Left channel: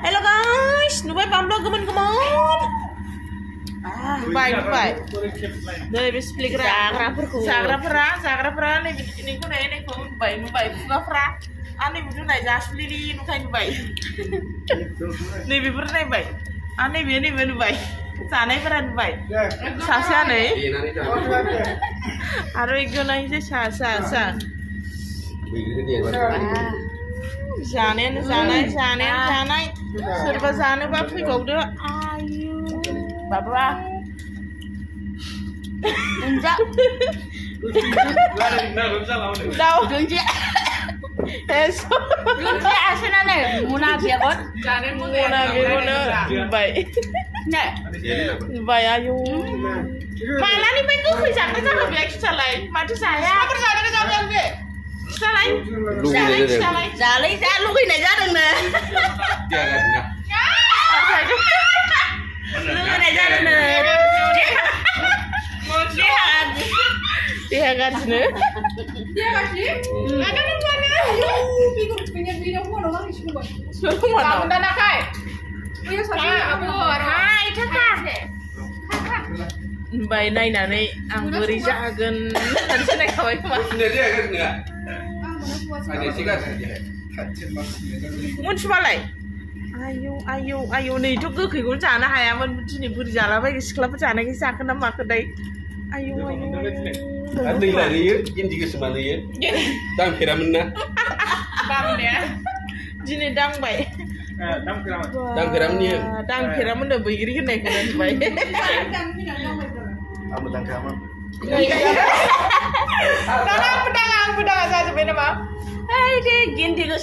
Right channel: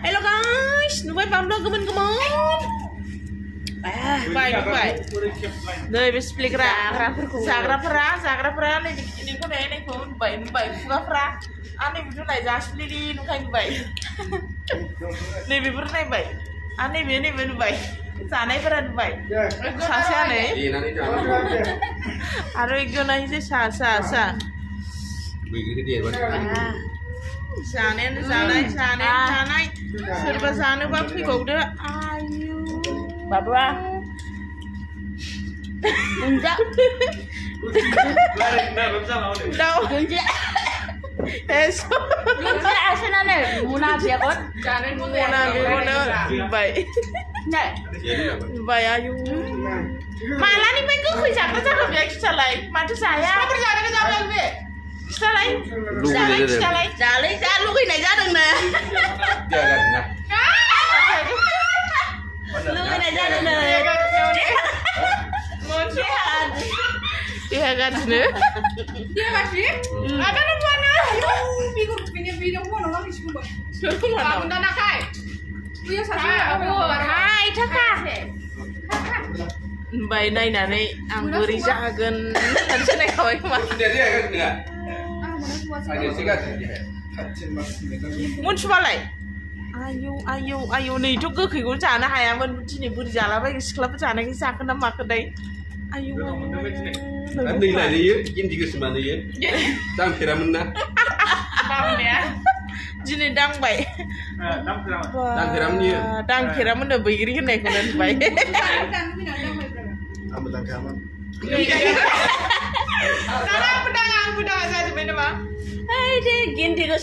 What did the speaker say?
Hello guys, nubai pamlo gemen. Nubai. Dari bis plikra. Zagra pera nih ko nih ko nubai fuga pera. Ani butuh naik jas lili nukai nubai. Nih bibur nih bai. Ani bini nubai. Sana pera nubai. Sasa nih. Aro ekjon ahise sa. Janai. Serba jano ba fैबावदो. Ayu. Baba. Enggak. Đâu. Eso. Lunja asinane muna biakon. Muna baik. Nek. Baik ayu. Malah nih pengen gue jaga biar kita lain. Madu saya. Apa perjalanan ke jalan biar? Kita lain. Jalan lu kena jalan nih. Lu kena jalan nih. Dia kan sini. Dia masih. Ada orang mana? Pinggir mana orang di sini. Suruh mana? Mana kai? Punya saya. Hai, Kakak. Mbak naik ang beri jagan. Tadi saya naik kawai kemana? Mun sebalai. Ayo nih itu ke gue cana hayam mun sini beri jalan baik sekolah pecana kita kena makan dai. Ayo. Andi lah dia, ini juga semua dia. Tang kira mana? Bang dia. Jini dang baik. Tang kira mana? Dang kira mana begini naik mana baik. Kamu tang kira mana? Tangan pedang saja benar mah. Hei deh, gini ke